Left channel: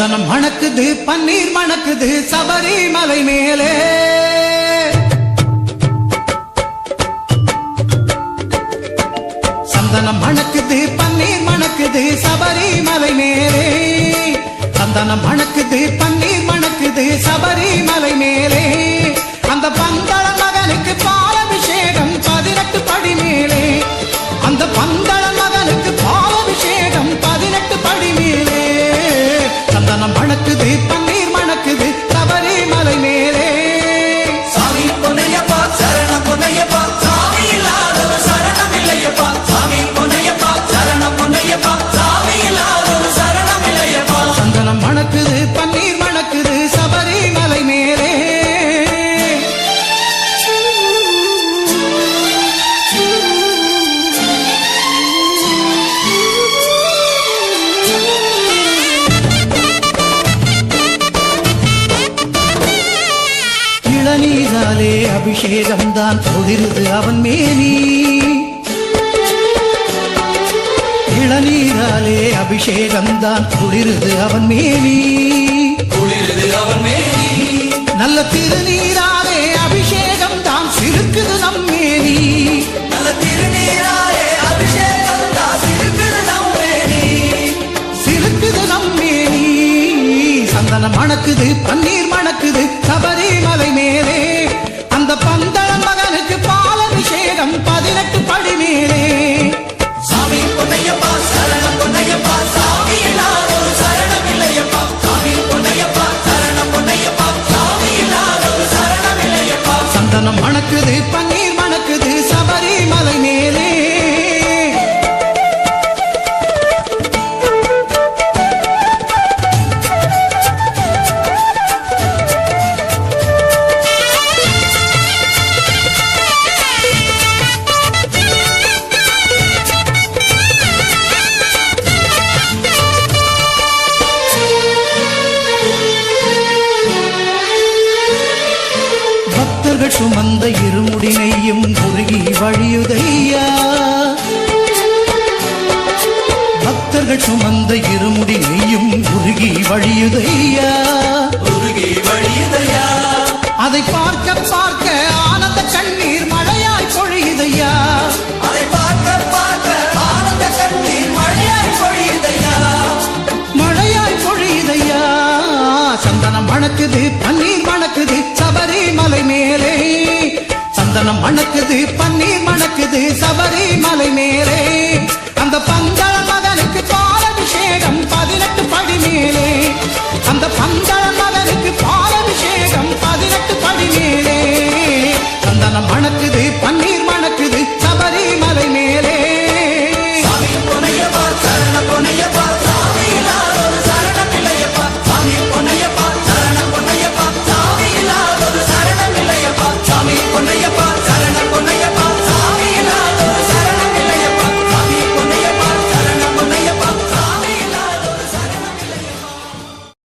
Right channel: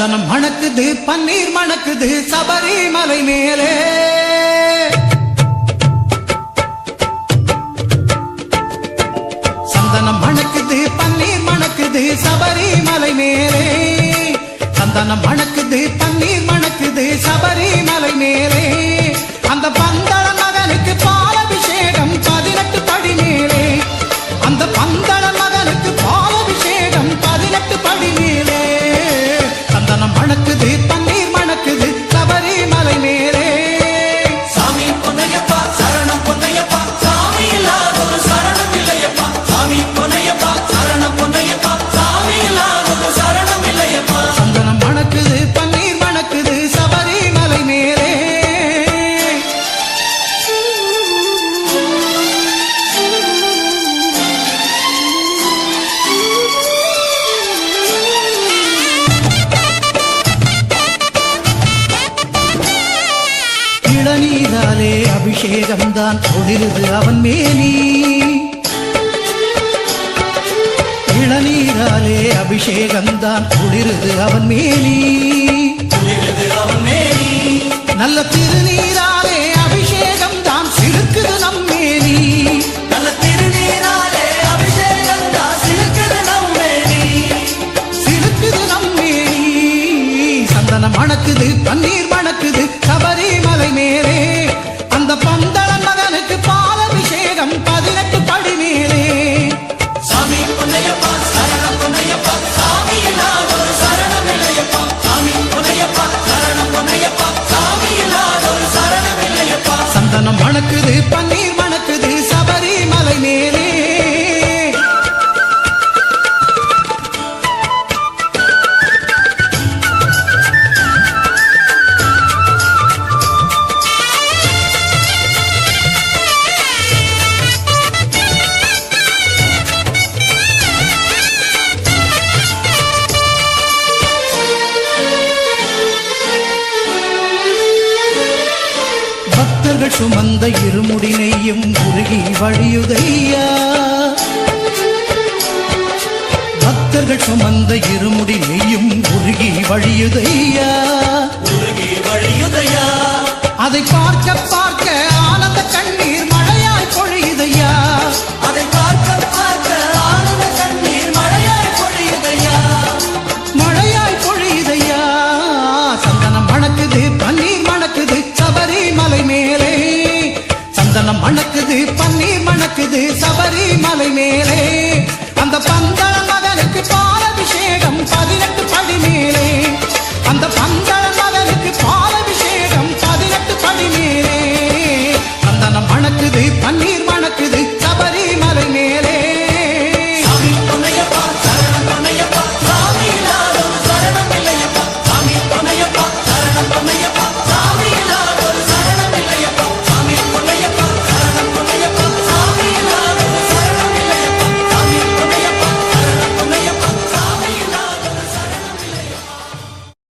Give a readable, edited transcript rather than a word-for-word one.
சந்தனம் மணக்குது பன்னீர் மணக்குது சபரிமலை மேலே சந்தனம் மணக்குது பன்னீர் மணக்குது சபரிமலை மேலே சந்தனம் மணக்குது பன்னீர் மணக்குது சபரிமலை மேலே அந்த பந்தள மகனுக்கு பாலபிஷேகம் 18 படி மேலே அந்த பந்தள மகனுக்கு பாலபிஷேகம் 18 படி மேலே சந்தனம் மணக்குது பன்னீர் மணக்குது சபரிமலை மேலே சாமி பொன்னையப்பா சரணம் பொன்னையப்பா சாமி இல்லாத ஒரு சரணம் இல்லையப்பா சாமி பொன்னையப்பா சரணம் பொன்னையப்பா சாமி இல்லாத ஒரு சரணம் இல்லையப்பா சந்தனம் மணக்குது பன்னீர் மணக்குது சபரிமலை மேலே இளநீராலே அபிஷேகம் தான் ஒளிருது அவன் மேனி இளநீராலே அபிஷேகம் தான் ஒளிருது அவன் மேனி நல்ல திருநீராலே அபிஷேகம் தான் சிறுக்குது நம்மேனி நல்ல திருநீராலே அபிஷேகம் தான் சிறுக்குது நம்மேனி சிறுக்குது நம்மேனி சந்தனம் மணக்குது பன்னீர் மணக்குது சபரிமலை மேலே அந்த பந்தளன் மகனுக்கு பாலபிஷேகம் 18 படி மேலே சாமி பொன்னையப்பா சரணம் பொன்னையப்பா சாமி இல்லாத ஒரு சரணம் இல்லையப்பா சாமி பொன்னையப்பா சரணம் பொன்னையப்பா சாமி இல்லாத ஒரு சரணம் இல்லையப்பா சந்தனம் மணக்குது பன்னீர் மணக்குது சபரிமலை மேலே பக்தர்கள் சுமந்த இருமுடி நெய்யும் உருகி வழியுதையா பக்தர்கள் சுமந்த இருமுடி நெய்யும் உருகி வழியுதையா அதை பார்க்க பார்க்க ஆனந்த கண்ணீர் மழையாய் பொழியுதையா அதை பார்க்க பார்க்க ஆனந்த கண்ணீர் மழையாய் பொழியுதையா மழையாய் பொழியுதையா சந்தனம் மணக்குது பன்னீர் மணக்குது சபரிமலை மேலே சந்தனம் மணக்குது பன்னீர் மணக்குது சபரிமலை மேலே அந்த பந்தள மகனுக்கு பாலபிஷேகம் 18 படி மேலே அந்த பந்தள மகனுக்கு பாலபிஷேகம் 18 படி மேலே சந்தனம் மணக்குது பன்னீர் மணக்குது சபரிமலை மேலே